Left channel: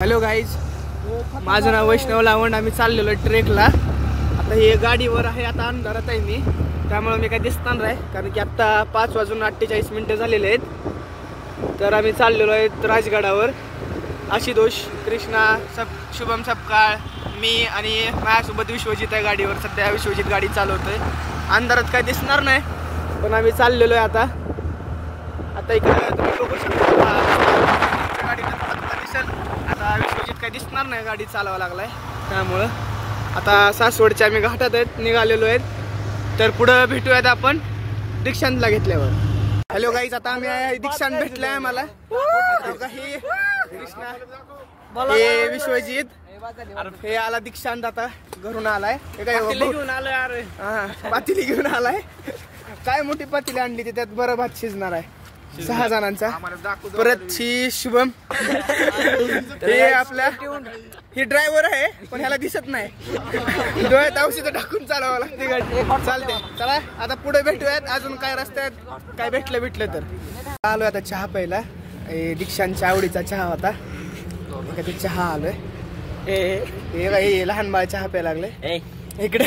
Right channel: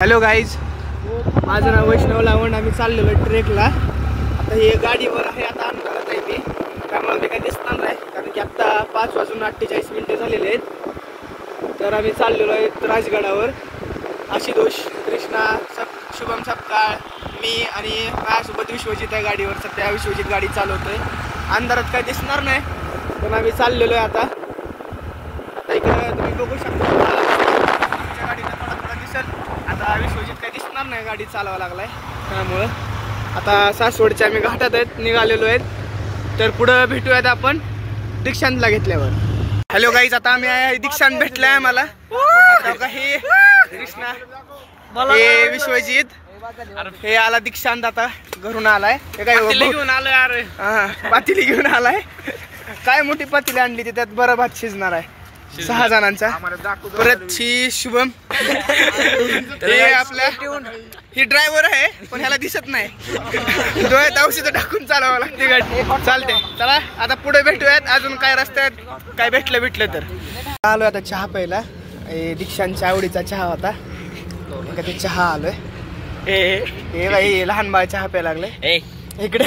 Hello guys, माझं नाव वैष्णव लावंड. आम्ही चाललेलो ट्रेकला. आता हे गाडीवर आहे, आता अंधारात आहे मी, त्यामुळे मी काही दिसणार नाही कारण की आत्ता 5:48 झालेले आहेत. तर आम्ही चाललेलो आहे राजगडावर. आशुतोष, कृष्णा, शुभम सपकाळ, मी आणि माझ्यासोबत विश्वजित आहे गाडीवर. सध्या विश्वजित गाडी चालवतोय. अंधारात काही दिसणार नाही पण आम्ही चाललेलो आहे. आता इकडे तुम्ही बघू शकता गाडीला थोडा दिसेल. आता विश्वजित काही दिसणार नाही, गाडी चालवायला लागलाय. त्यामुळं आता सासवडच्या आम्ही घाटात आहेत, निघालेलो आहेत. तर पुढं भेटूयात आपण दीक्षांतला घेतल्यावर. हॅलो गाईज, आता आम्ही आहे दीक्षांत भेटलाय आम्हाला. हे कृष्णा, हे विश्वजित, हे आला दीक्षांत. आता घरून आलाय. हे काय घेऊन आलोय? अरे हा, पातेली घेऊन आलाय. काय मोठी पातेली आणली ती, त्यात बरं भात शिजणार आहे 6 जणांचा. परत ही शुभम, हे आपल्या ही ड्रायव्हर आहे पण ह्याला दिसत नाही. डोळ्यात औषध टाकून चालवावं लागते गाडी. चालते, चला आता पुढे भेटूयात. अजून काय रस्त्यात काय भेटलं तर. आलोय आता चहा प्यायला. दीक्षांच्या आवडीचा चहा होता, ते चहा आलोय. हे बाई लहान बाळ चहा प्यायला लागले इकडे.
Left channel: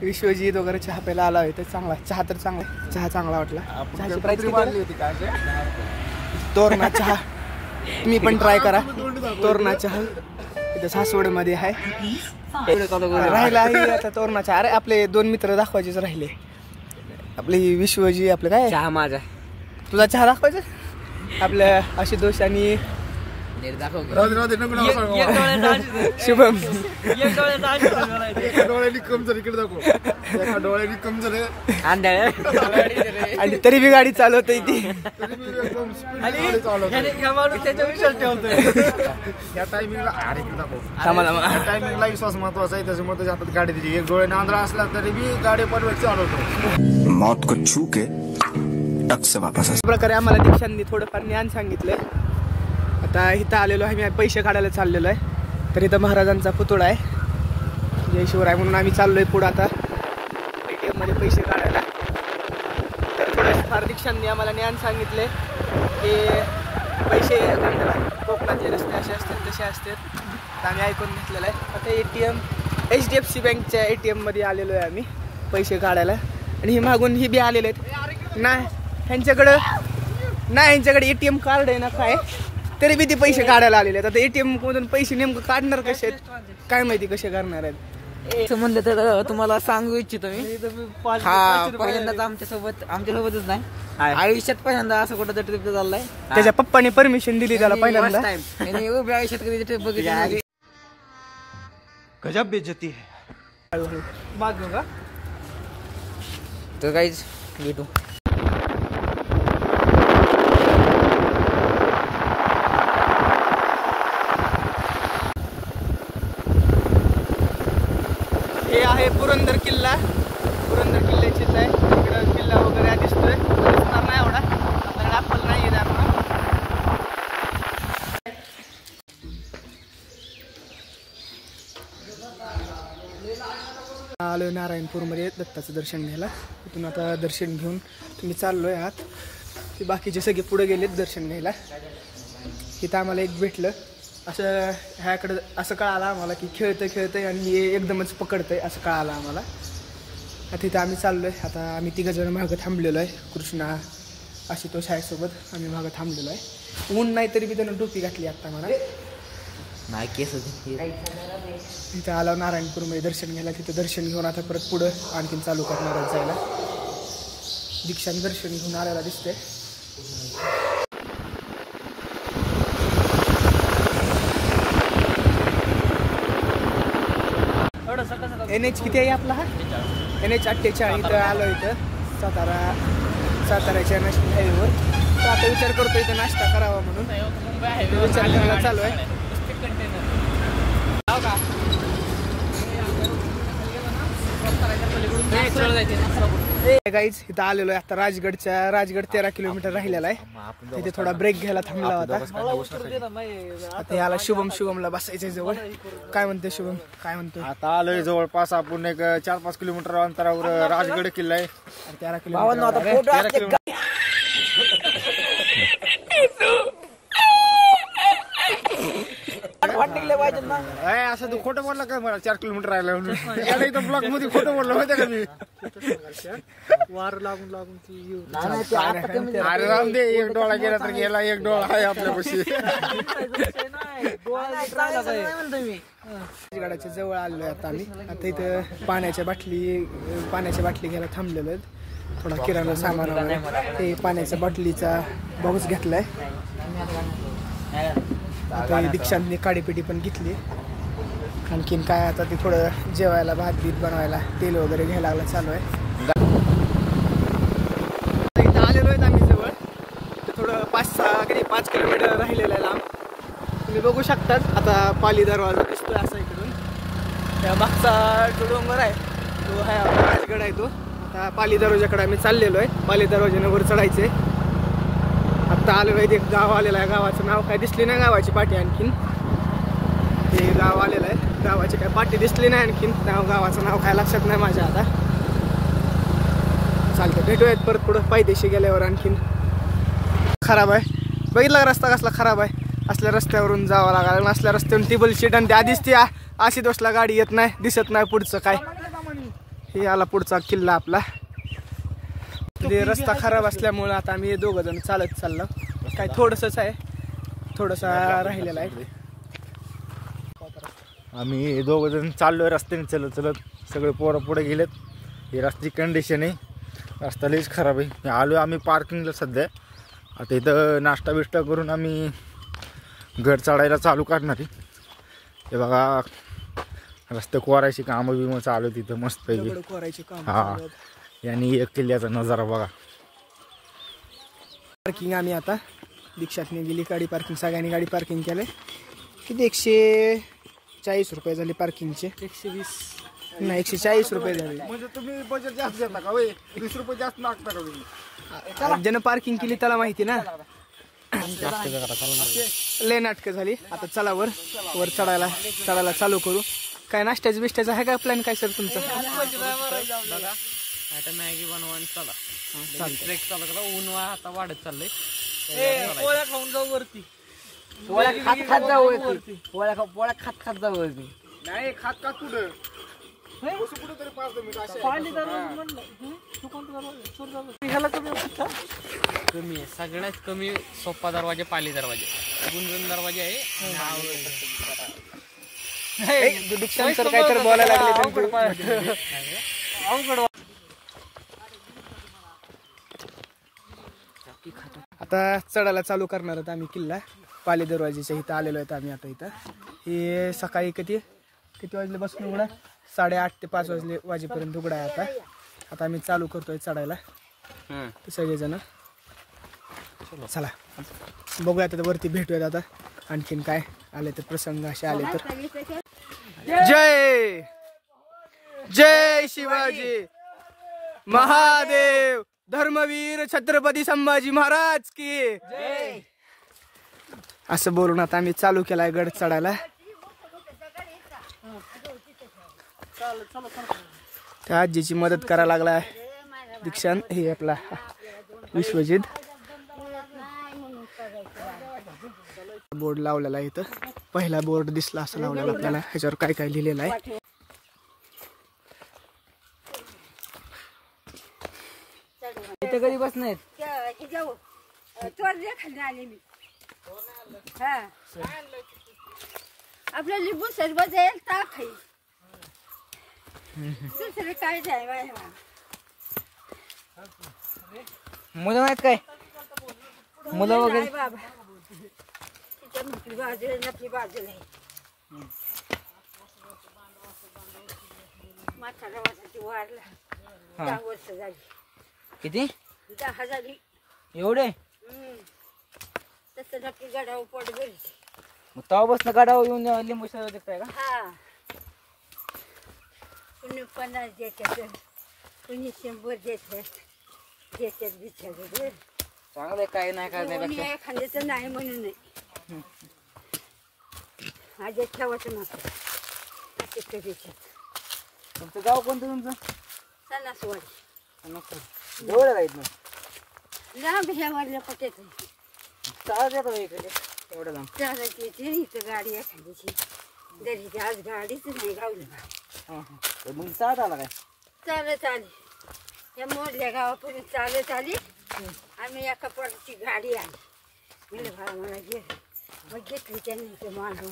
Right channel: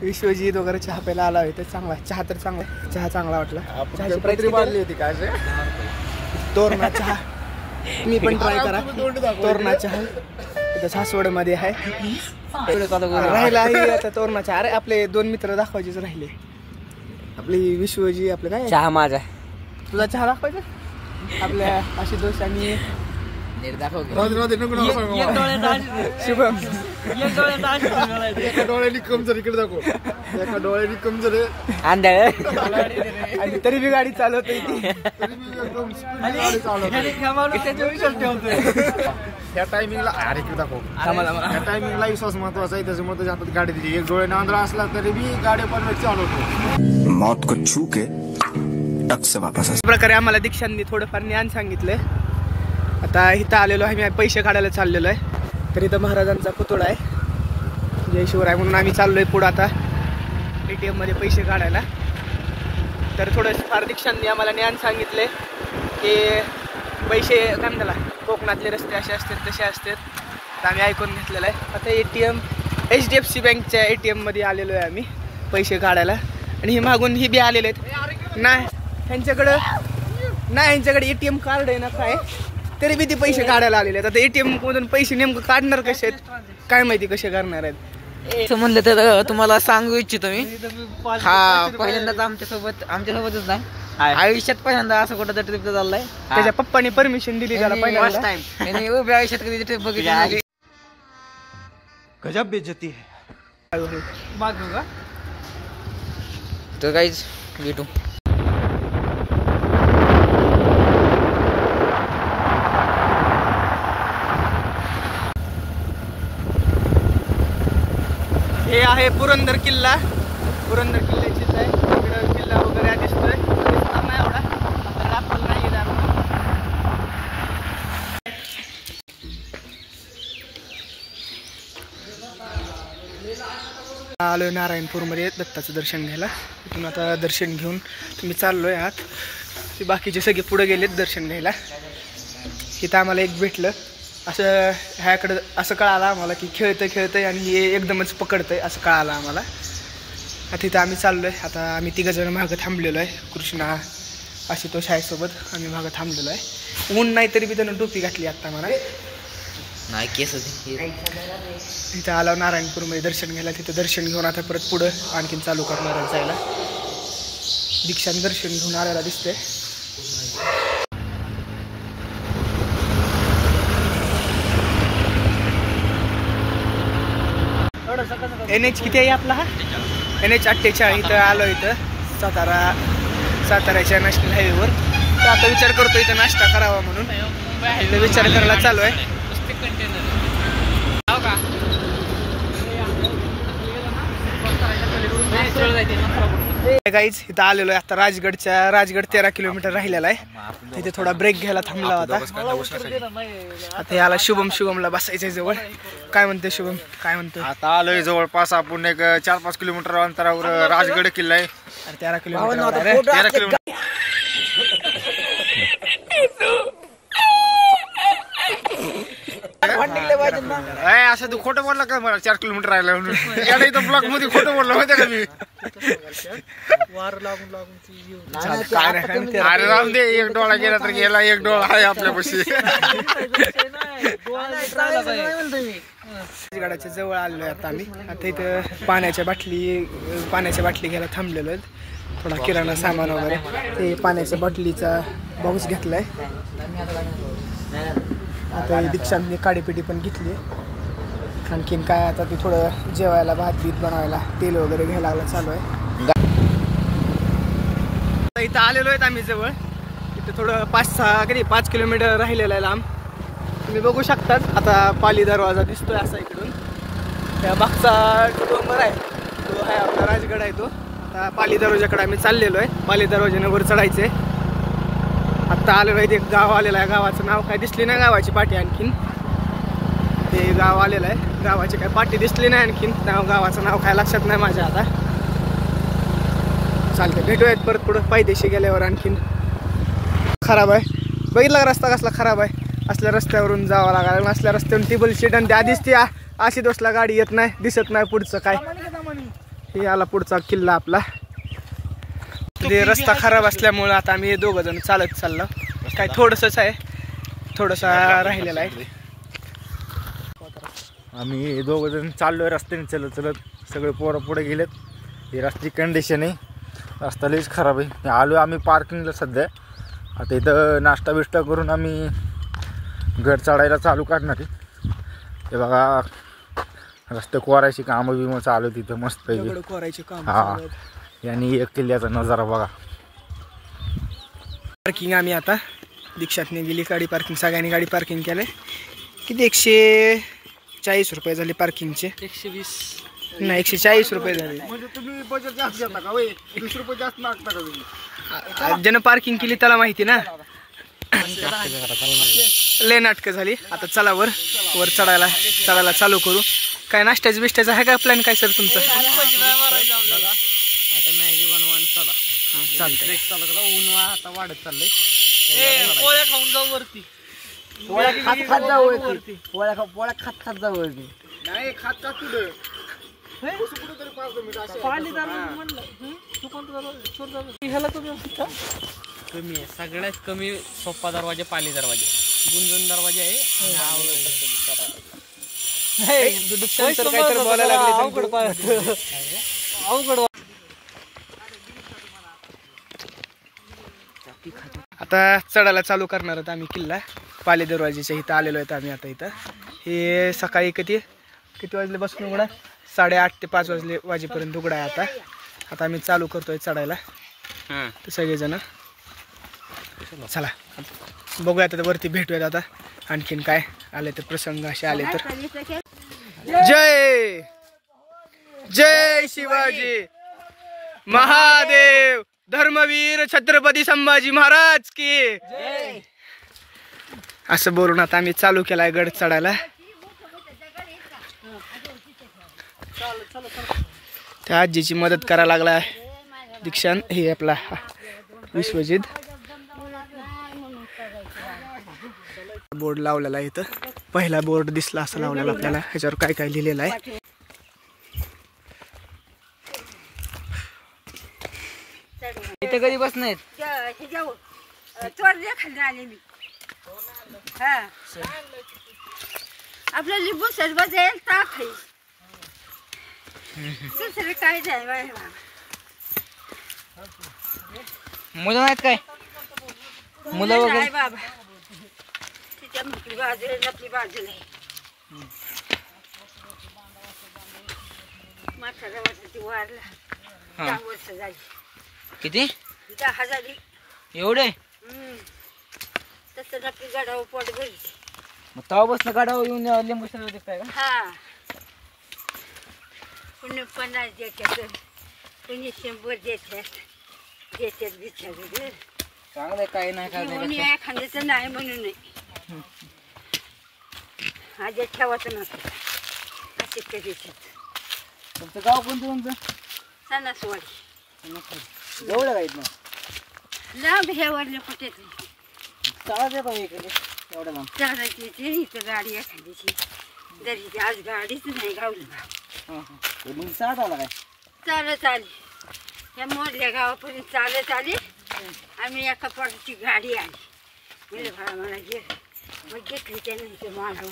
विश्वजित वगैरे चहा प्यायला आला आहे. तर चांगला चहा, तर चांगला चहा, चांगला वाटला. चहाची प्राइस होती काय? तोरणा चहा, मी पण ट्राय करा. तोरणा चहा इथं सासवडमध्ये आहे. राहिला आहे आता तोरणा चहा. अरे आपले 2 मित्र दाखवायचेच राहिले. आपली विश्वजी, आपलं काय चहा माझा, तुझा चहा दाखवायचा. आपल्या आशुतोष आणि शुभम. आणि तरी बी गाडी चालवते ती. या टायमिंगला विश्वास महत्वाचा आहे, त्याच्यामुळे त्याच्या हातात गाडी दिली. एक डोळे आंधळा असला तरी बी गाडी पण चालवतो. मौत को छू के टक से वापस. अशा प्रकारे आम्हाला दीक्षांनी थोडंफार ज्ञान सांगितलंय. आता इथं आलेलो आहे, मी पैसे काढायला चाललेलो आहे. तर इथं महाराजांचा पुतळा आहे, जय शिवराय म्हणून आम्ही चाललोय पुढं आता ATM मध्ये पैसे काढायला. तर थोडं फार दीक्षांनी आम्हाला ज्ञान सांगितले की पैसे काढायला कोकणातले रस्ते असे असतात तसे असतात. तर आम्ही ऐकून घेतलेलं आहे. आता ATM HDFC बँकच्या ATM मध्ये आलेलो आहे आम्ही पैसे काढायला. आणि हे मागून ही बी आलेले आहेत ना, ह्यांच्याकडे ATM कार्ड आहे ना काय, तरी बी ते पैसे काढायला आलेले आहेत. आता ATM मधून पैसे नेमकं काढणार कसे आहेत काय माहिती, कसे करणार आहेत. असं म्हणलं तर तुम्हाला सांगू इच्छितो मी. हा पहिल्यांदाच आमच्यासोबतच नाही, आयुष्यात पहिल्यांदा असं कुठं ट्रिप चाललाय. त्याच्या पप्पानी परमिशन दिली त्याला पहिल्यांदा. उभ्या आयुष्यात कधी ट्रिप बघितली. गजब बेइज्जती है. तर काहीच भेटू. हे आहे पुरंदर किल्ला. पुरंदर किल्ल्याची आहे. इकडं किल्ला वगैरे दिसतोय, दिसणार नाही एवढा. आपण दाखवलं नाही गेला आपण. आलोय नारायणपूरमध्ये दत्ताचं दर्शन घ्यायला. तिथून आता दर्शन घेऊन तुम्ही चाललोय आहात. ते बाकीचे सगळे पुढे गेलेत दर्शन घ्यायला. इथं आम्हाला एक भेटलं असं, ह्याकडं असं कळालं आम्हाला की खेळतंय आणि हे एकदमच पकडतंय असं कळालं आम्हाला. आता इथं आम्ही चाललोय. आता आम्ही 3 जण मागं थांबलेलो आहे. कृष्णा, आशुतोष आहे सोबत. आम्ही मागं थांबलेलो आहे. ऊन नाही तरी बी त्यानं टोपी घातली आत्ता मला. नाही केस इथं आलो नारायणपूरमध्ये दर्शन घ्यायला. तिथं दर्शन घेऊन आता परत पुढं आणखीन चालू करणार आहे जायला. दीक्षांत दर्शन घेऊन आलेला दिसतंय. NH किती आहे आपला? हा NH 48. इथं आलो, इथं साताऱ्याच्या नॅशनल हायवेवर. तर आता विचार करतो इथं नाश्ता करावा म्हणून. इथं विचार करायला चालू आहे. गाईज इथं आलेलो आहे आता राजगड 13 किलोमीटर राहिलेला आहे. तिथे थोडा ब्रेक घ्यायला थांबला होता. आता याला शुभमला बसायचंय जवळ. काय म्हणते शुभम, काय म्हणतो? आता आलोय जवळपास आपण एक 4-5 किलोमीटर अंतरावर राजगड किल्ला आहे. 13 किलोमीटर. 13 किलोमीटर. असं तू खोटं बोलला का मला 4 किलोमीटर राहिला म्हणून याला इथं ब्लॉक मध्ये खोटं बोललो माहिती का मी अरे राहून दे एक डोळा गेला तर गेला एक डोळा आहे आपल्यापाशी गडाच्या जवळ आलोय आता आम्ही आता इथं पाण्याच्या बाटली घ्यायला थांबलेलो आहेत थोडा किराणा सामान वगैरे ते पाण्याच्या बाटलीचा बॉक्स घेतलाय आता दीक्षांतने काडीपिटी पण घेतली आणखीन काय आता ते थोडं जेवायला भात बीत बनवायला तेल वगैरे घ्यायला लागला चालू आहे इथं आलेलो आहेत आम्ही जवळ इथं थोडं 5 किलोमीटर राहिलेलं आहे लांब तुम्ही बघू शकतात आता पाली दरवाजा दिसतोय असा इकडून त्या मागचा डोंगर आहे तो आहे आपला राजगड आहे तो आता पाली दरवाजाकडे आम्ही चाललेलो आहे पाली दरवाजाने वर चढायचे आत्ता आलेलो आहे एक गाव आलेलं आहे गावाचं नाव काय दिसली नाही गावाची पाटी आणखीन ते गाव आलेलं आहे गावाची काय पाटी दिसली नाही आणखीन गावाचं नाव काय लक्षात नाही माझ्या आता चालतं भेटूयात परत पुढं पायदेशी गेल्यावर आणखीन खराब आहे बघितला रस्ता कसला खराब आहे असल्या रस्त्यावरून जावं लागायला असल्या रस्त्यावरून टेबल शीट आणि आधीच ती अशी दोसला गाडी येत नाही दिसत नाही पुढचं काय हे आला पुढचा किल्ला आपला ते रस्ता खराब असल्यामुळे आता आम्ही 2 जण चालत चाललो काय थोडंसंच आहे थोडंसं राहिलेलं आहे आम्ही 2 जण चाललोय रस्त्याने चलत चलत सगळे पोरं पुढे गेलेत ही रस्त्याची कंडिशन आहे रस्ता लईच खराब आहे आलो आम्ही पार्किंगला सध्या आता इथं नाश्ता बिष्टा करून आम्ही घर चढायला चालू करणार आहे हे बघा रस्ते कोरायची कामं बिमं चालू तिथं मस्त पैकी हा यांनी एक किल्ल्याचा नजारा बघा पार्किंग आम्ही आता दीक्षातने गेली गाडी पार्किंग सगळ्यांनी गाडी पार्किंग केलंय किती 140 रुपये झाले पार्किंगचे 120 नाही 140 रुपये झाले म्हणजे तुम्ही बजेट जास्त घेता का 20 रुपये जास्त मागता का तुम्ही ज्यानं पार्किंग केली त्याला माहिती ना लय नाटकं झाली आता चला वर चढायला चालू करू काय नाश्त्याचं बिष्ट्याचं आहे का प्लॅन काय सर तुमचं आता मॅगी बनवायला चला चालतंय ऊन आता वाढत चाललंय पोळ्या खाऊन जाऊ वरती पोळ्या खात जाऊ वरती पोळ्या खात जाऊ वरती नाही खात का तुझं तरी 5 मिनिट कमी आहे सगळ्यात कमी सोपा दरवाजा पाली दरवाजा गुंजन दरवाजा आहे आता चढायला चालू करणार आहोत आम्ही किल्ला पाली दरवाजाच्या इथं आलेलो आहेत आम्ही आता इथं हे सकाळी किती वाजले बसून उघडा 8:30 ते 5 वाजेपर्यंत उघडा आहे आता आम्ही चालू करतोय चढायला सगळेजण चला बघूया आता वरती भेटूयात आता आणखीन काय आले तर प्रसंग असे आले तर जय जय शिवाजी महादेव धर्मवीर छत्रपती संभाजी महाराज की असं बोलून आता आम्ही चालू केलाय गड चढायला त्या आजीची मदत करायला लागलाय दीक्षांत हे आपला विश्वजित बोर्ड लावलेला आहे इथं पहिला बोर्ड दिसला असं लावलेला आपल्याला ह्याच्यावर काय काय लिहिलेलं आहे इथे कधी बस नाहीत आपल्या लिंबू सरबत आहे ताक आहे दुसरं काय जाय मुलं नाहीत काय मुलं वगैरे बाबा तिच्या आपली बाजू नाही म्हातारा वाटती वारला 10 वर्ष झाली किती 10 झाली एवढे तसं आपली गडावर पोट भरी मग तवा बसनं गाडावर येऊन लिंबू सरबत देताय का हा कुणी 50 देतात कुणी 100 देतात बिचारे चांगलं काय नाही काय नाही एखाद्याचं नाही म्हणून नाही हा जे ठेवायचं नसतं असे कधी तुमचं गाव कोणतं तुमचं सणासवाडी एवढं काय इथनं लांब ह्या वाढल्या पटेत चालत येतो मी इकडे चालायची ते इथं गाडी एखाद्याची तरी आज गाडीच नाही गावली मग सात आला काय चालत आली या मोडल्या गावापर्यंत चालत आली आम्ही एका पोटाची गाडी आली म्हणजे भाडा मला गेलं मग घेतली त्यानंतर मांडू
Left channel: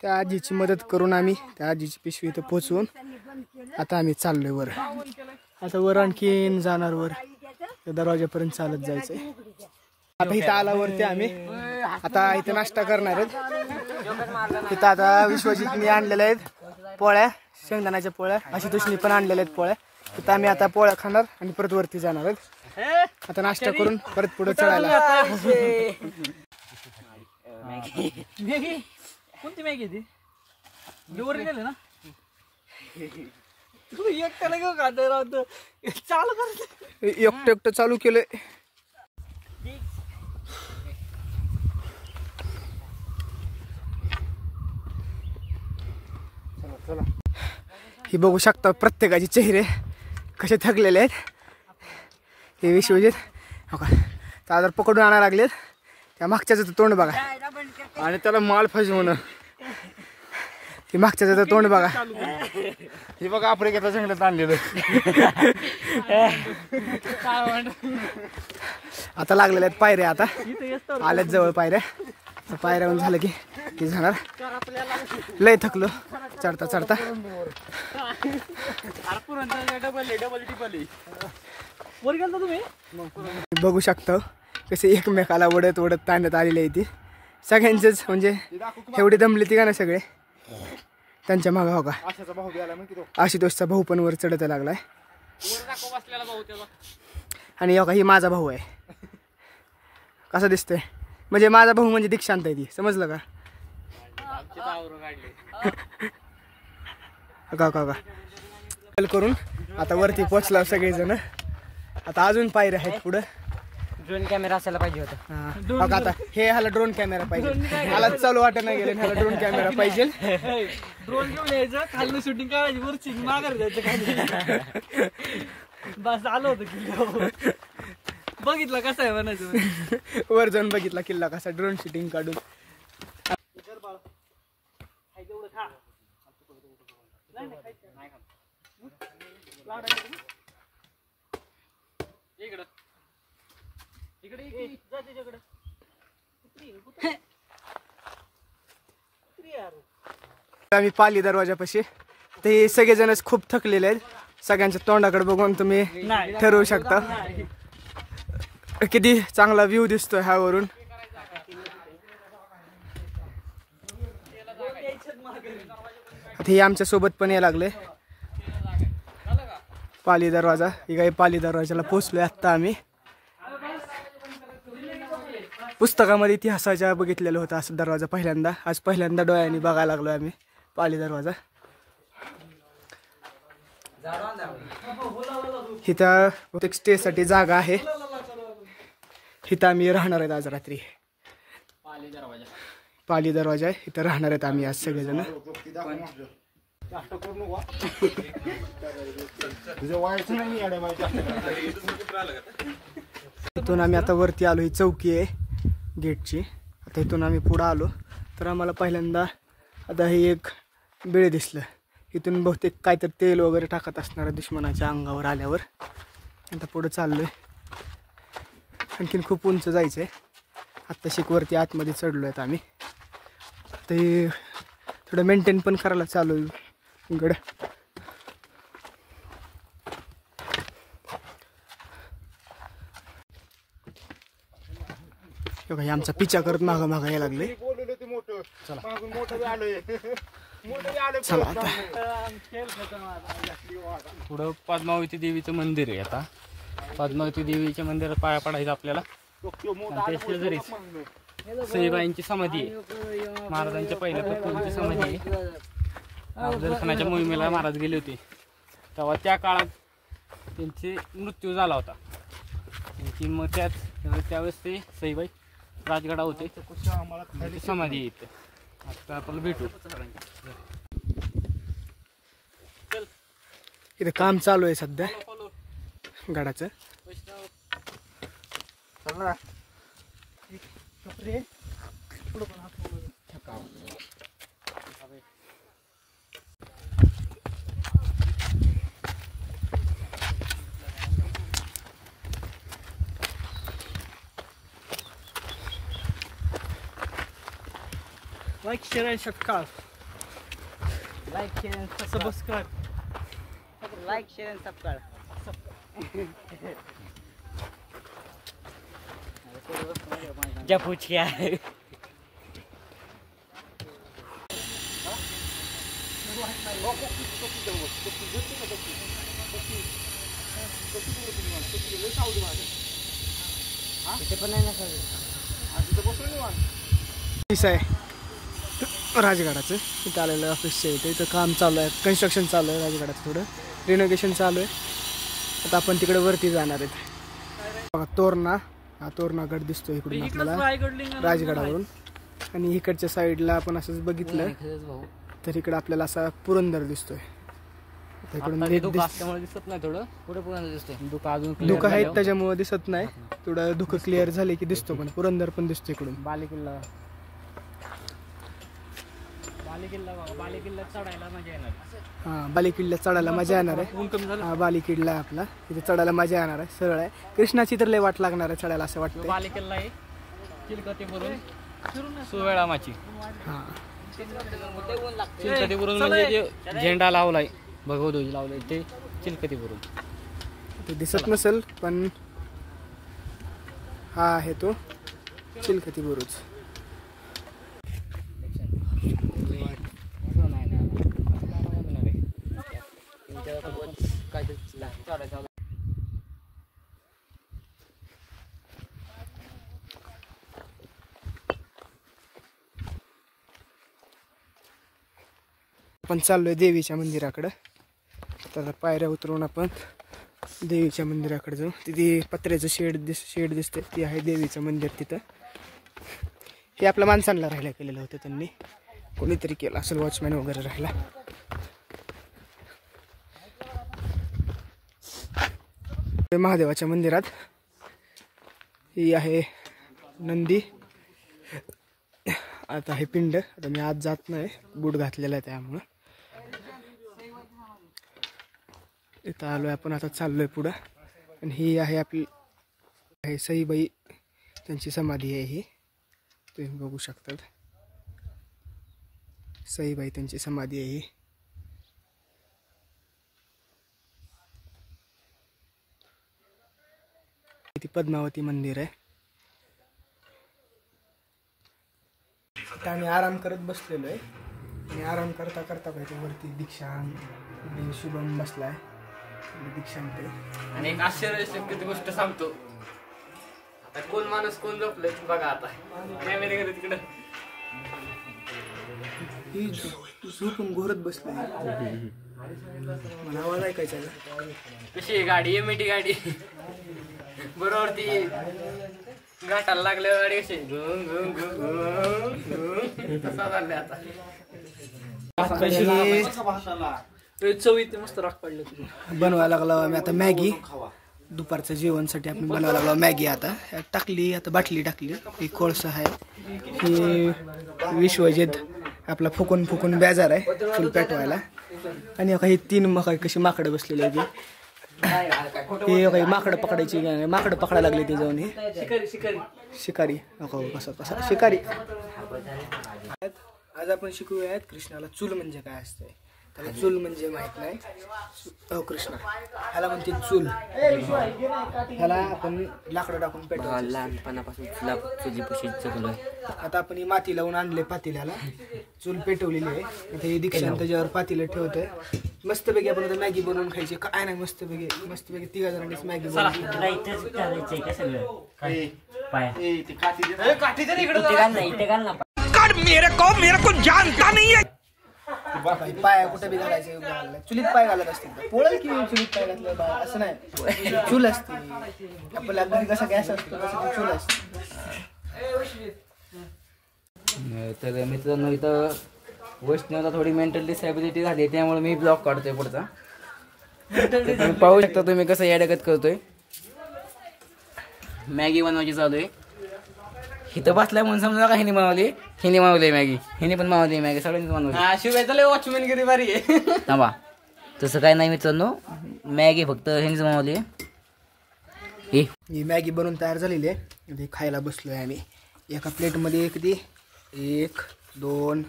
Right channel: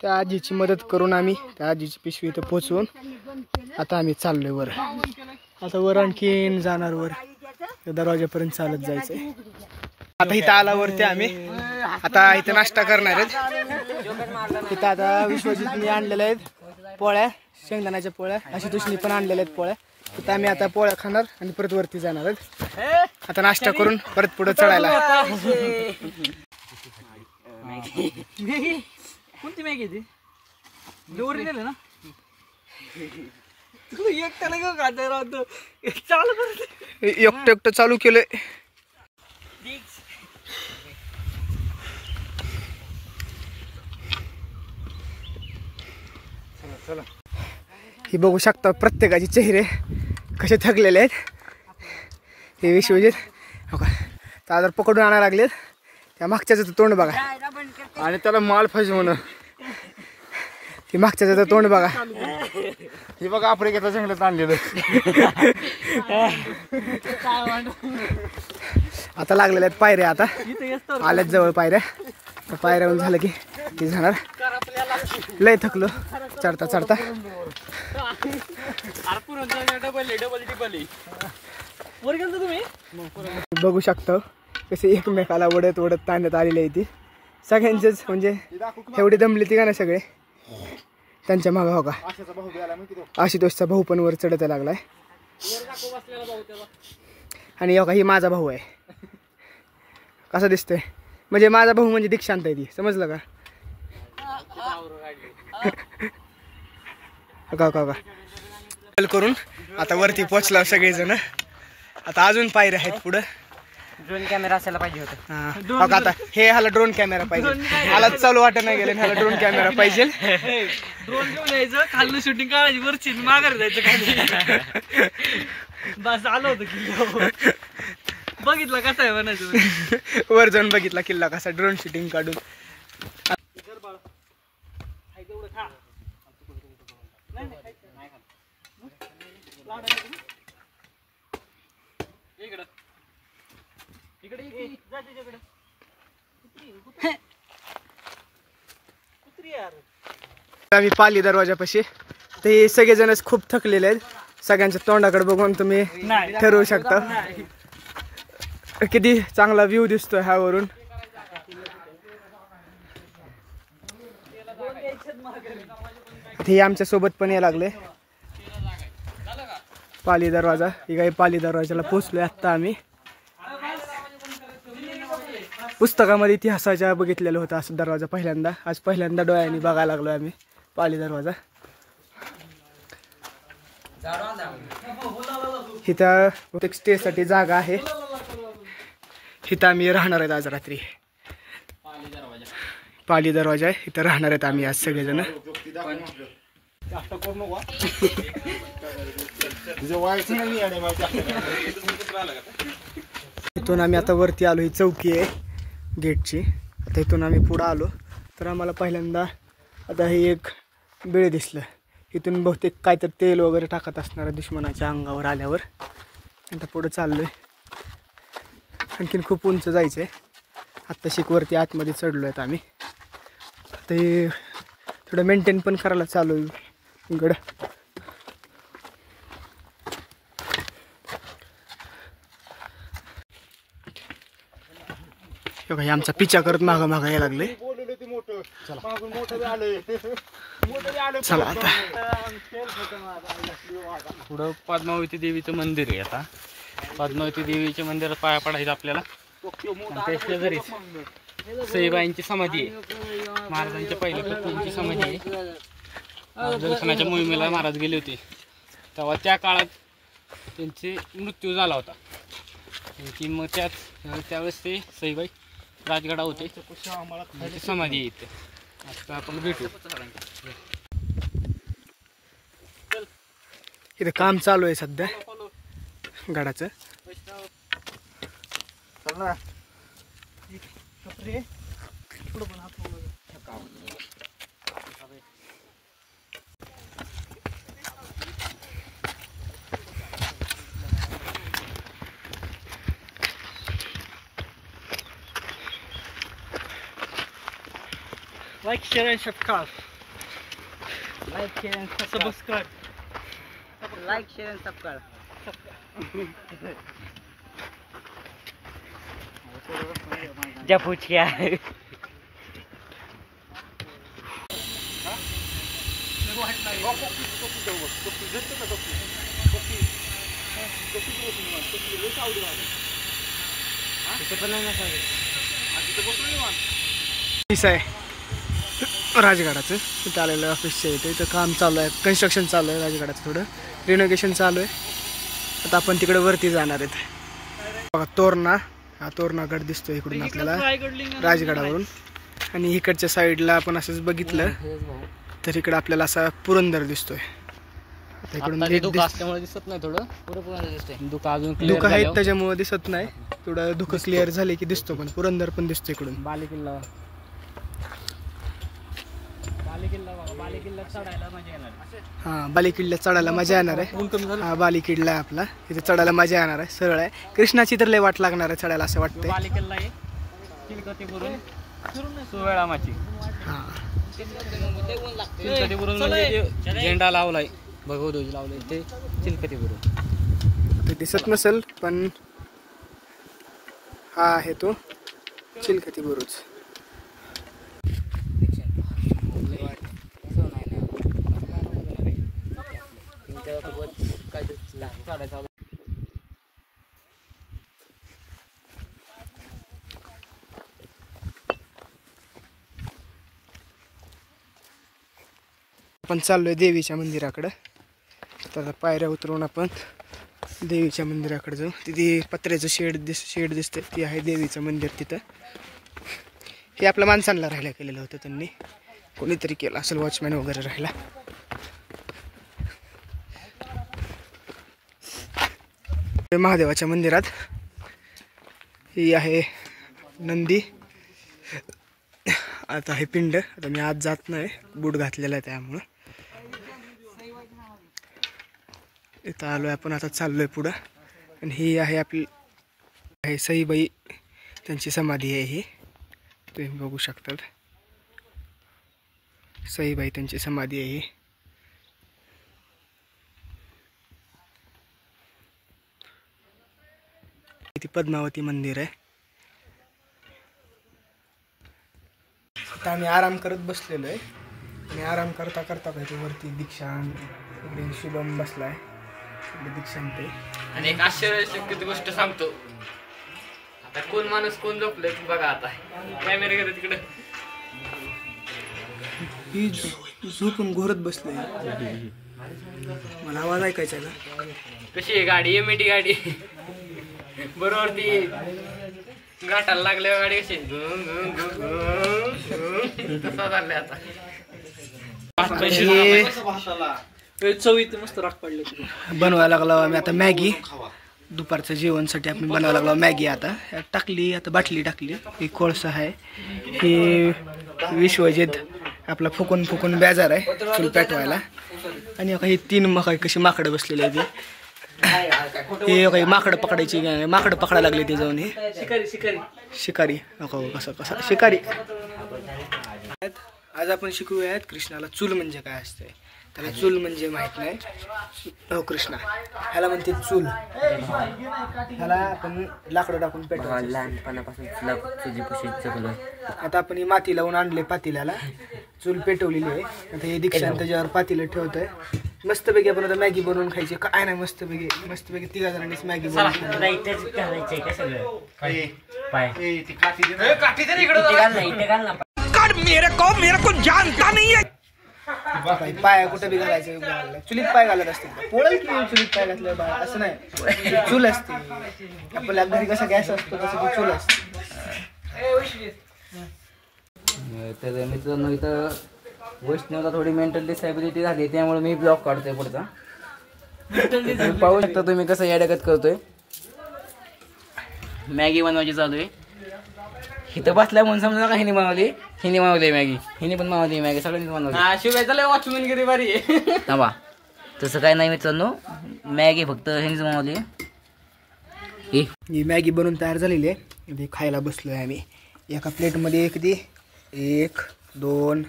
त्या आजीची मदत करून आम्ही त्या आजीची पिशवी इथं पोचवून आता आम्ही चाललोय वर. आता वर आणखीन जाणार वर दरवाजापर्यंत चालत जायचंय. आता इथं आल्यावरती आम्ही आता इथं नाश्ता करणार आहेत. इथं आता विश्वजितनी आणलेल्या आहेत पोळ्या, शेंगदाण्याच्या पोळ्या, आशुतोषनी पण आणलेल्या आहेत पोळ्या. तिथं आम्ही आता पोळ्या खाणार आणि परत वरती जाणार आहेत. आता नाश्ता करून परत पुढे चढायला. कोणती मॅगी ती ओरिजिनल आहे ना तू एकट्याला घेऊ का चालू कर एकटं चालू केलंय. ही बघू शकता प्रत्येकाचे चेहरे कसे थकलेले आहेत. हे विश्वजित हो का चादर पकडून आणायला लागलेत. त्या मागच्याचं तोंड बघा आणि त्याला माल पाहिजे म्हणून ती मागच्याचं तोंड बघा. हे बघा आफ्रिकेच्या जंगलात आणलेलं. आता लागलेल्या आहेत पायऱ्या. आता आल्यात जवळ पायऱ्या. पायऱ्याहून झालं की ते जाणार. लय थकलो चढता चढता. बघू शकतो कसे एकमेकाला ओढत ओढत ताणत आलेले आहे. ती सगळ्यांचेच म्हणजे एवढी दमली ती का ना सगळे त्यांच्या मागं हो का. आशुतोषचा भाऊ पण वर चढत लागलाय. आणि हो का ही माझा भाऊ आहे. कसा दिसतोय म्हणजे माझा भाऊ म्हणजे दीक्षांत आहे ती समजलं का. का का का करून आता वरती पोचला सगळेजण. आता अजून पायऱ्या आहेत पुढं. ड्रोन कॅमेरा असायला पाहिजे होता. हो का आता हे ह्याला ड्रोन कॅमेरा पाहिजे. ह्याला चालू वाटत नाही गेलं ह्याला ड्रोन कॅमेरा पाहिजे. ड्रोन घेऊन यायचं खाल्लं शूटिंग काढायची वरची माघारी जायचं खाली. बस आलो होतं की बघितलं कसं आहे म्हणायचं. वर जाऊन बघितला किल्ला कसा ड्रोन शूटिंग काढून. आम्ही पाली दरवाजापाशी. ते सगळेजणच खूप थकलेले आहेत. सगळ्यांच्या तोंडाकडे बघून तुम्ही ठरवू शकता किती चांगला व्ह्यू दिसतोय ह्यावरून. हे आमच्या सोबत पण यायला लागले. पाली दरवाजा ही काही पाली दरवाजाला पोचलोय आत्ता आम्ही. पुस्तकामध्ये इतिहासाच्या बघितलेलं होतं असं दरवाजा पहिल्यांदा. आज पहिल्यांदा डोळ्यांनी बघायला लागलो आम्ही पाली दरवाजा. इथं प्रत्येक स्टेसाठी जागा आहे. इथं आम्ही राहणार आहेत आज रात्री. पाली दरवाजा आहे इथं राहणार आहेत आम्ही आज सगळेजण. इथून आम्ही आता वरती आलो. ही चौकी आहे गेटची. आता इथून आम्ही पुढं आलो तर आम्हाला पहिल्यांदा आता हे एक बिळ दिसलं. इथून बहुतेक काहीतरी तेल वगैरे टाकत असणार दुश्मनाच्या अंगावर आल्यावर. आता पुढं चाललोय. आणखीन खूप उंच जायचं आहे. आत्ता शिकवरती आतमध्ये चढलो आहेत आम्ही. ते थोडं मेंटेन पण करायला चालू आहे गड. हे आमचा पिछा करत मागं मागं यायला लागले. चला आता पुढं पद्मावती देवीचं मंदिर आहे. आता पद्मावती देवीच्या मंदिरात पाया पडायचं आपल्याला. त्या शेजारीच सईबाईंची समाधी आहे. महाराजांच्या पहिल्या पत्नींची समाधी आहे. अफजलखानाच्या मोहिमेला महाराज गेले होते तेव्हा त्या काळात त्यांचे मृत्यू झाला होता. त्यांची मग त्यावेळेस ते सईबाई राजगडा होते. समाधी आहे इथे. आता आपण भेटू. इथं काम चालू आहे सध्या गडाचं. Like, share and subscribe. Like share आणि सबस्क्राईब. लाईक शेअर आणि सबस्क्राईब. जा पूछ क्या आहे राजगडाचं इथं आलेलं ऑफिसच्या इथं काम चालू आहे, कन्स्ट्रक्शन चालू आहे राजगडाचं, थोडं रिनोव्हेशन चालू आहे. आता आपण तिकडे वरती जाणार आहेत. बघा तोरणा, हा तोरणागड दिसतोय इकडून आपल्याला राजगडावरून. आणि इकडच्या साईडला आपण असंच बघितलं तर इकडे आपल्याला असा पुरंदर दिसतोय. आता इकडून नीट दिसत नाही, थोडं धुकं अजून धुकं आहेत त्याच्यामुळे दिसत नाही. थोडं धुकं क्लिअर झाले की दिसतो, पण पुरंदर पण दिसतो इकडून. बालेकिल्ला चढायला मजा येणार. हा बालेकिल्ला चढायला मजा येणार आहे. हा बालेकिल्ला आहे आपला, तिथे चढायला मजा येणार आहे. सरळ आहे, कृष्णाची तर लय वाट लागणार आहे चढायला असं वाटतंय. बालेकिल्ला आहे चिलकतीवरून सुवेळामाची. हा चिलकतीवरून म्हणजे जे झेंडा लावलाय, भगवध्वज लावलाय ते चिलकतीवरून. ते दिसत नसेल पण हा आहे तो चिलखती बुरुज. आपण चाललोय देवीच्या मंदिराकडं. तर पायऱ्या उतरून आपण देवीच्या मंदिराकडे जाऊ. तिथे पत्र्याचं शेड दिसतंय, ती आहे देवीचं मंदिर. तिथं हे आपल्या माणसांना राहायला केलेलं होतं, त्यांनी कोणीतरी केलं असेल, वॉचमॅन वगैरे राहायला. महादेवाच्या मंदिरात ही आहे नंदी. आता हे पिंड. आता मी आज जात नाही, बूट घातलेला आहे त्यामुळं. इथं आलोय आपण, आता चाललोय पुढं. आणि ही आहे आपली आहे सईबाई, त्यांची समाधी आहे ही, तुम्ही बघू शकता. सईबाई त्यांची समाधी आहे ही. इथे पद्मावती मंदिर आहे. आता आम्ही आराम करत बसलेलो आहे. आणि आराम करता करता पाहिजे वरती दीक्षांत, इकडे शुभम बसलाय, दीक्षांत आहे. आणि एक आश्चर्यचकित गोष्ट सांगतो. आता कोण माणूस कोण झोपलंय बघा. आता कॅमेरा गेला तिकडं, ही झोपून घोरत बसले. मला आवाज ऐकायचा का? कशी आहे गाडी? एमएटी गाडी बरोबर. ती घाटाला लागल्या गाडी अशी तसा चाललंय आता. चवीत मस्त राख पडले. बनवायला लागलो आम्ही आता मॅगी. दुपारचं जेवणसाठी आपण बनवायला लागलो मॅगी. आता टाकली, आता बाटली टाकली. ही कोळसा आहे, ही विश्वजित आपला फुकून फुकून बेजार आहे चूल पेटवायला. आणि ही 3 मका कशी माकडं बसलेली आहे ती. हे काही माकडं पकडायची, माकडं पकडायला लागले ते जाऊन. हे शिकारी कसं शिकारी. आज आपण शिकूयात कृष्णाला चूल म्हणजे काय असते. त्याला चूल म्हणजे माहित नाही. हो कृष्णा, ह्याला म्हणते चूल. ह्याला आपण लाकडं टाकून पेटवायचं. लहानपणापासून आता आपण ही माती लावून आणले पातेल्याला, चूल पेटवलेली आहे. आता हे दीक्षांत त्याच्यावर पातेलं ठेवतोय. मस्तपैकी आपण आता मॅगी बनवून खायची. काय नाही, मस्तपैकी 3 जणांनीच मॅगी बनवली. पाय कुठं बी घालायचं, चुलीत पाय घालत असते. पोळल की चुलीत पाय घातलं बा, असं नाही. चूल असते आपल्या घरी, कसा गॅस असतो तसं ती चूल असते. तर मित्रांनो, इथं वैष्णवला थोडी मेंटल डिसॅबिलिटी झाली, त्यामुळे मी ब्लॉग काढतोय पुढचा. पाहू शकता तुम्ही कसं याडगत करतोय. मॅगी बनवायची चालू आहे. इथं बसलाय म्हणून समजा का हिने बनवली. हिने बनवली मॅगी. हिने पण बनवली मॅगी. सगळ्यांनी बनवली. हा शिवाय वॉचमॅन गिरी बारी आहे. थांबा तसं काय नाही मित्रांनो. मॅगी फक्त ह्यांनीच बनवली. ही मॅगी बनवून तयार झालेली आहे. ती खायला बसलोय आम्ही. एका प्लेटमध्ये किती 1 2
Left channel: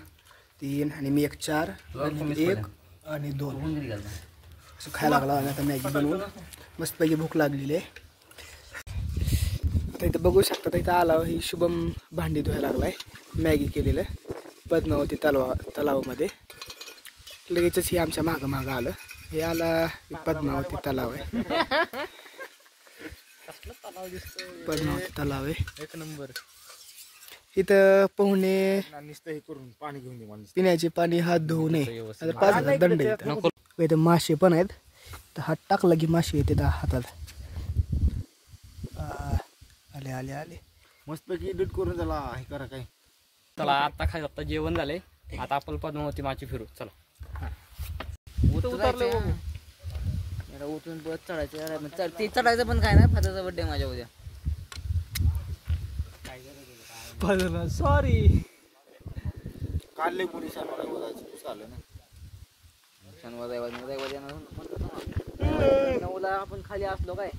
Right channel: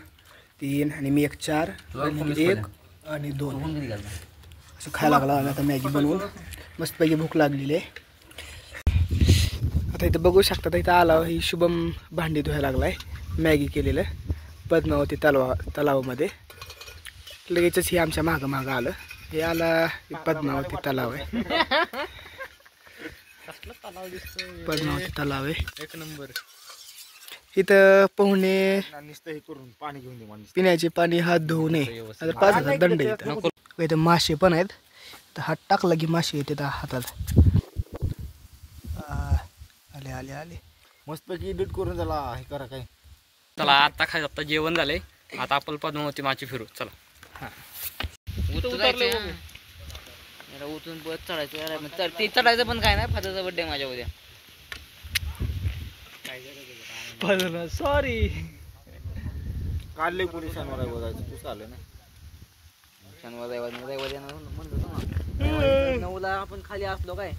3 आणि मी 1 4 1 आणि 2 असं खायला लागला. आता मॅगी बनवून मस्तपैकी भूक लागलेली आहे. आता इथं बघू शकता. इथं आला ही शुभम भांडी धुवायला लागलाय. मॅगी केलेलं पद्मावती तलावामध्ये. लगेचच हे आमच्या मागं आलं. हे आला पद्मावती तलाव आहे. पद्मावती तलाव आहे. 1 नंबर. इथं पोहणे नुसतं हे करून पाणी घेऊन दे मला. पिण्याचे पाणी हात धुवू नये. आता 5,000 दंड येतात. इथं मासे पण आहेत. तर हात टाकला की मासे येते हातात. आले आले आले. मस्तपैकी एडिट करून त्याला हे करा काय. चला आता जेवण झालंय. आता आपण पद्मावती माची फिरू. चला उतरून बस चढायचं. ते चढायचं पण काय नाही. फादरचा बर्थडे माझ्या उद्या. सॉरी काढले कोणी शनिवार बघायचं. तू चालेल ना. शनिवार नऊला आपण खाली असलो काय.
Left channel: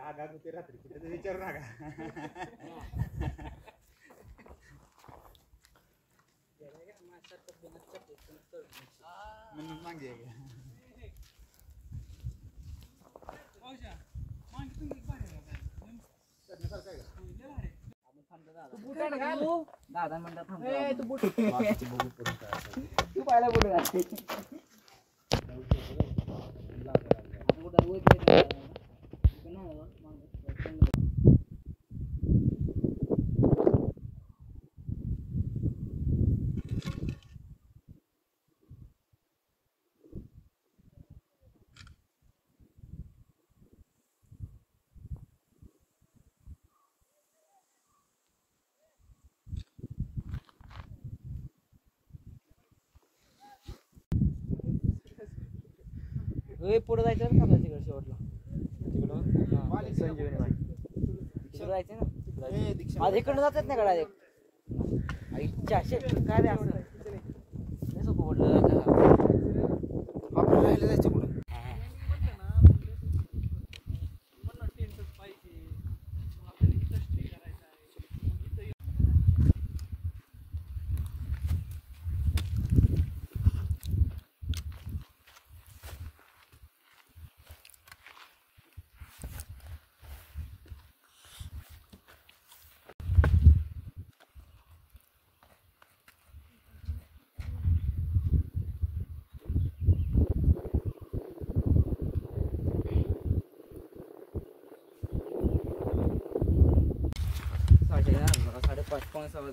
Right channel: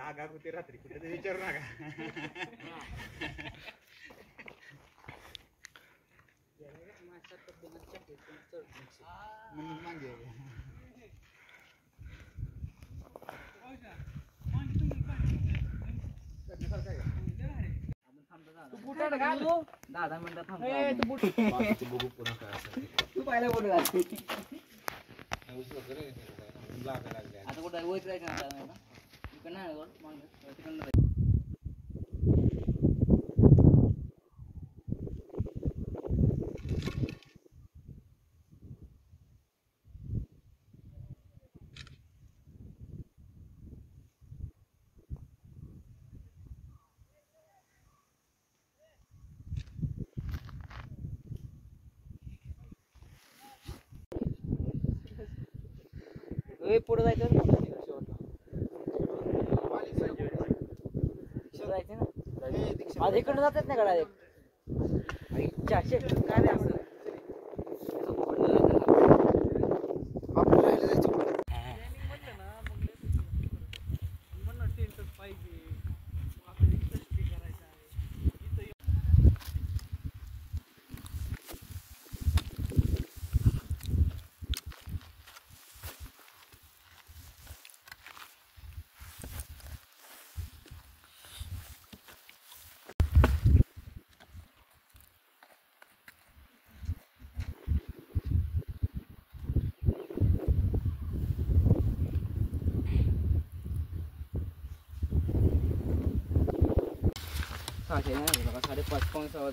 आगाग होते रात्री कुठे ते विचारू नका. म्हणून मागे दादा मिनिटात तू पाहिला कुठे आता कुठं पुढे जायचं ना शेवटला. जायचं ना. आज इकडनं जातात ना कडा. इच्छा काय नाही असं आपल्याला राहायला जायचं पुढे. सहाशे 5:30 पाऊण 6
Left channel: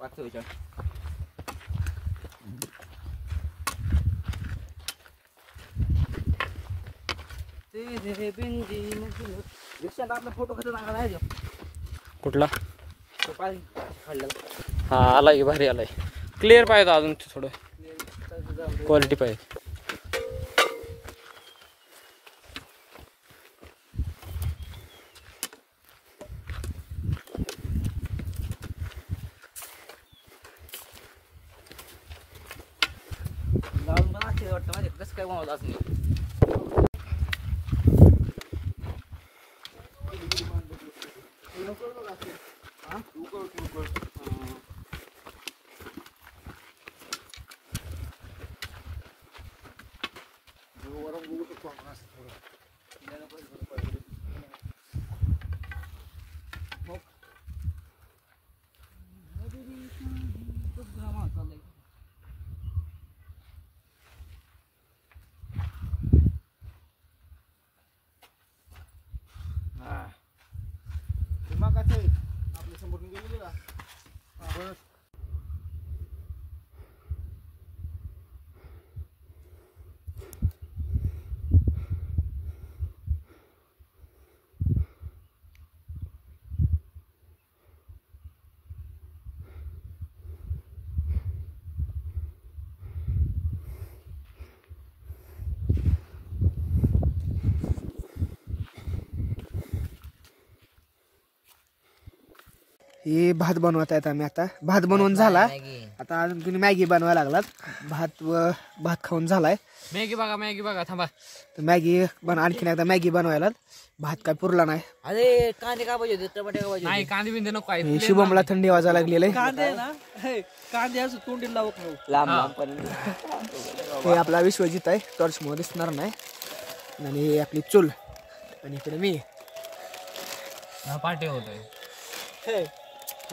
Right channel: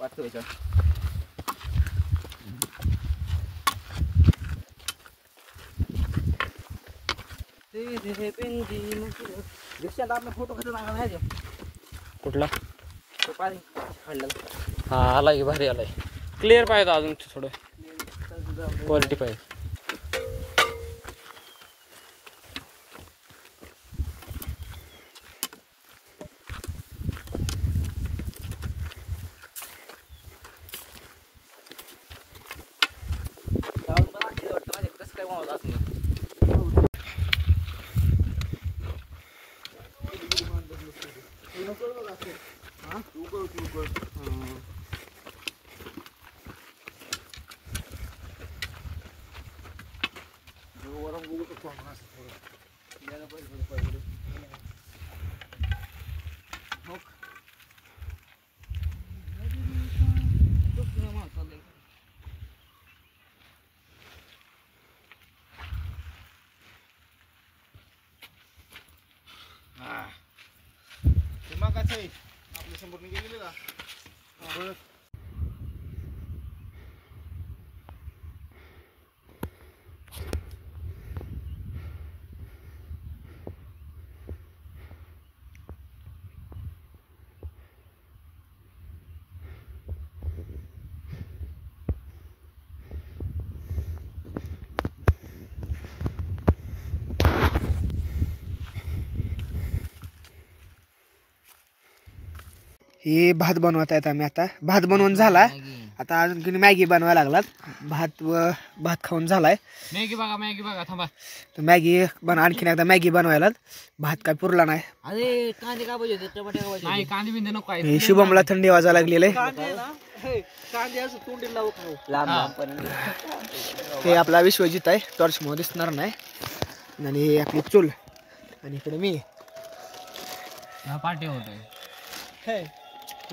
5:44. रिक्षात आपला फोटो कसं नाही कुठला काढलेला. हा आलाय की भारी आलाय. क्लिअर पाहिजे अजून थोडं. क्वालिटी पाहिजे. वाटतं माझे कसं काय बनवलं असं. आपल्या समोर गेलेले का हे भात बनवत आहेत आम्ही. आता भात बनवून झाला, आता अजून तुम्ही मॅगी बनवायला लागलात. भात खाऊन झालाय. मॅगी बघा थांबा. तर मॅगी आणखीन एकदा मॅगी बनवायला. भात काय पुरला नाही. अरे कांदे का पाहिजे टमाटे का नाही कांदे बिंदे नको आहे. हे शुभमला थंडी वाजायला लागलेलं आहे. कांदे असं तोंडी लावत राहू. हे आपला विश्वजित आहे, टॉर्च मध्ये दिसणार नाही. आणि हे आपली चूल, आणि इकडे मी. पार्टी होतोय.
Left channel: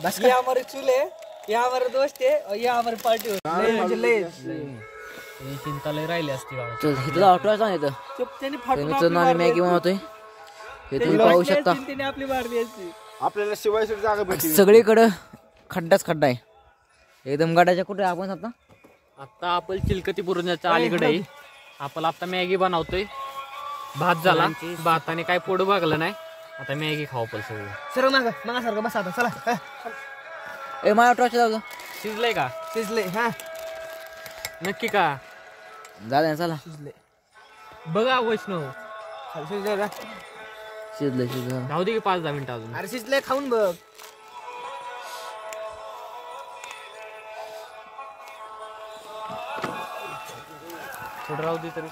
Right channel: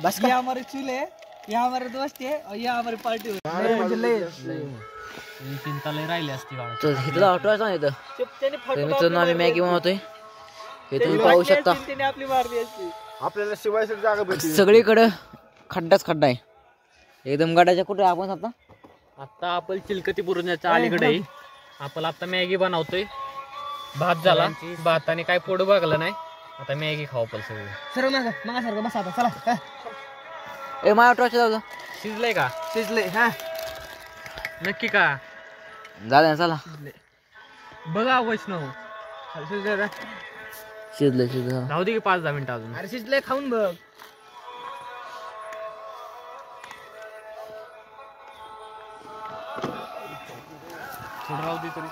बस ये हमारे चूल्हे, ये हमारे दोस्त है और ये हमारी पार्टी होती चिंता लय राहिली असती बाळा. इथला ऑटो सांगितलं त्यांनी मित्रांनो आम्ही मॅगी बनवतोय. हे तुम्ही पाहू शकता आपली मारली असती. आपल्याला शिवायसाठी जागा भेटली. सगळीकडं खड्डाच खड्डा आहे एकदम. गडाच्या कुठे आपण आता आपण चिलकती बुरुजाच्या अलीकडे आहे. आपण आता मॅगी बनवतोय. भात झाला, भाताने काय पोट भागलं नाही. आता मॅगी खाऊ पण सगळं. सर्व मागासारखं बसा आता. चला ए माझ्या ऑटोच्या जाऊ शिजलंय का? शिजले. हा नक्की का? झालं ना चला. बघा वैष्णव शिजलं शिजलं. राहू दे की 5-10 मिनिटं अजून. अरे शिजले, खाऊन बघ. थोडं राहू दे तरी.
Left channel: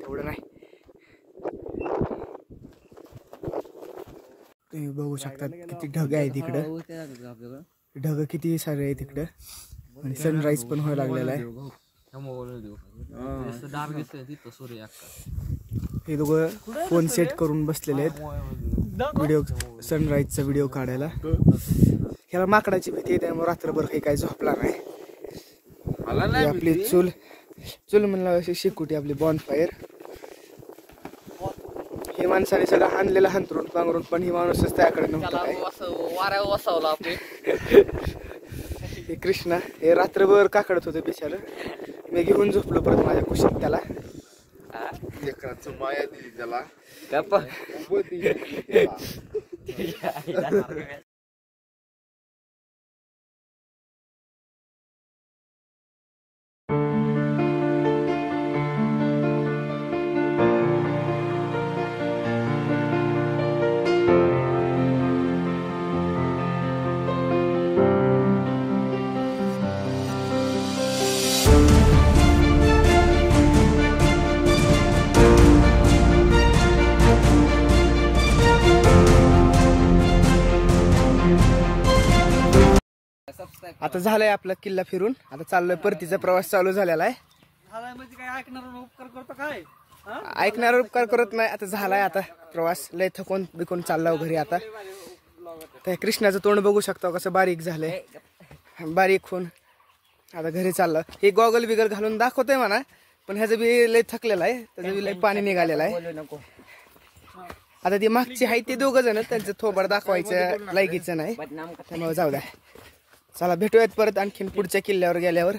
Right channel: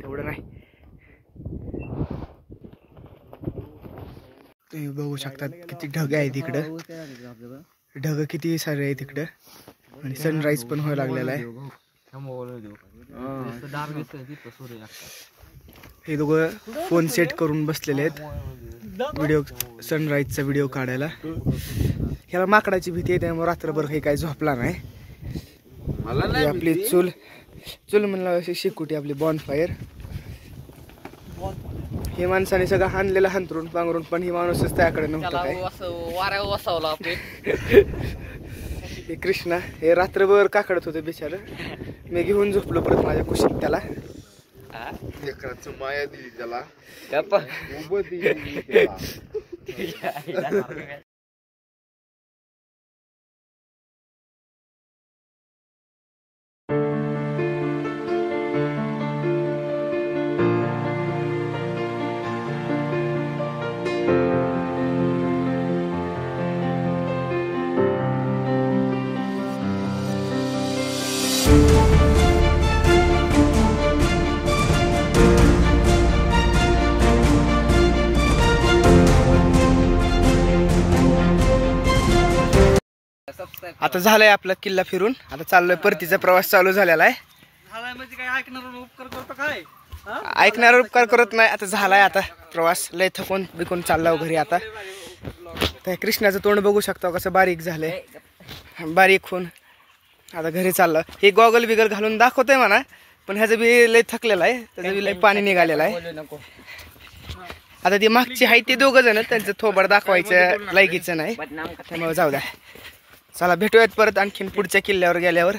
तेवढं नाही. तुम्ही बघू शकता किती ढग आहे तिकडं. ढग किती सारे आहे तिकडं. आणि सनराईज पण व्हायला लागलेला आहे. हे दोघं फोन सेट करून बसलेले आहेत सनराईजचा व्हिडिओ काढायला. ह्याला माकडाची भीती आहे, त्यामुळे रात्रभर काही झोपला नाही. ही आपली चूल म्हणलं अशी शिकुटी आपली बॉनफायर. हे माणसाने सगळं हाणलेलं हांतरून पांघरून, पण ही माणूसच त्याकडे नव्हतं काय. हे कृष्णा हे रात्रभर काकडत होते बिचार. मी घेऊन झोपलो परत माझ्या कुशीत त्याला. माया दिली त्याला. आता झालंय आपला किल्ला फिरून. आता चाललोय परतीचा प्रवास चालू झालेला आहे. झालाय म्हणजे काय ऐकणार उपकार करतो काय? ऐकणार उपकार करत नाही. आता झालाय आता प्रवास. लय थकून बिकून चालला घरी आता. तर कृष्णाचं तोंड बघू शकता कसं बारीक झालंय, बारीक होऊन आता घरी चाललं. हे गॉगल बिगल घालून दाखवतोय म्हणा, पण ह्याचं बी लय थकलेलं आहे. त्याचं बी लय पाणी निघालेलं आहे. आता ती मागची आहे ते दोघं जण, त्यांचं थोबड दाखवायचं लायकीचं नाही, त्यामुळे जाऊ द्या. चला भेटूयात परत आणखीन पुढच्या किल्ल्यावर गेल्यावर.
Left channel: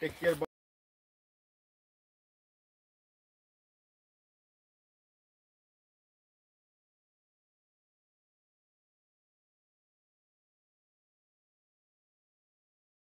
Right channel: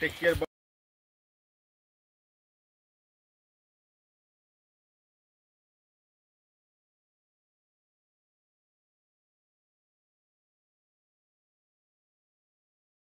Take care.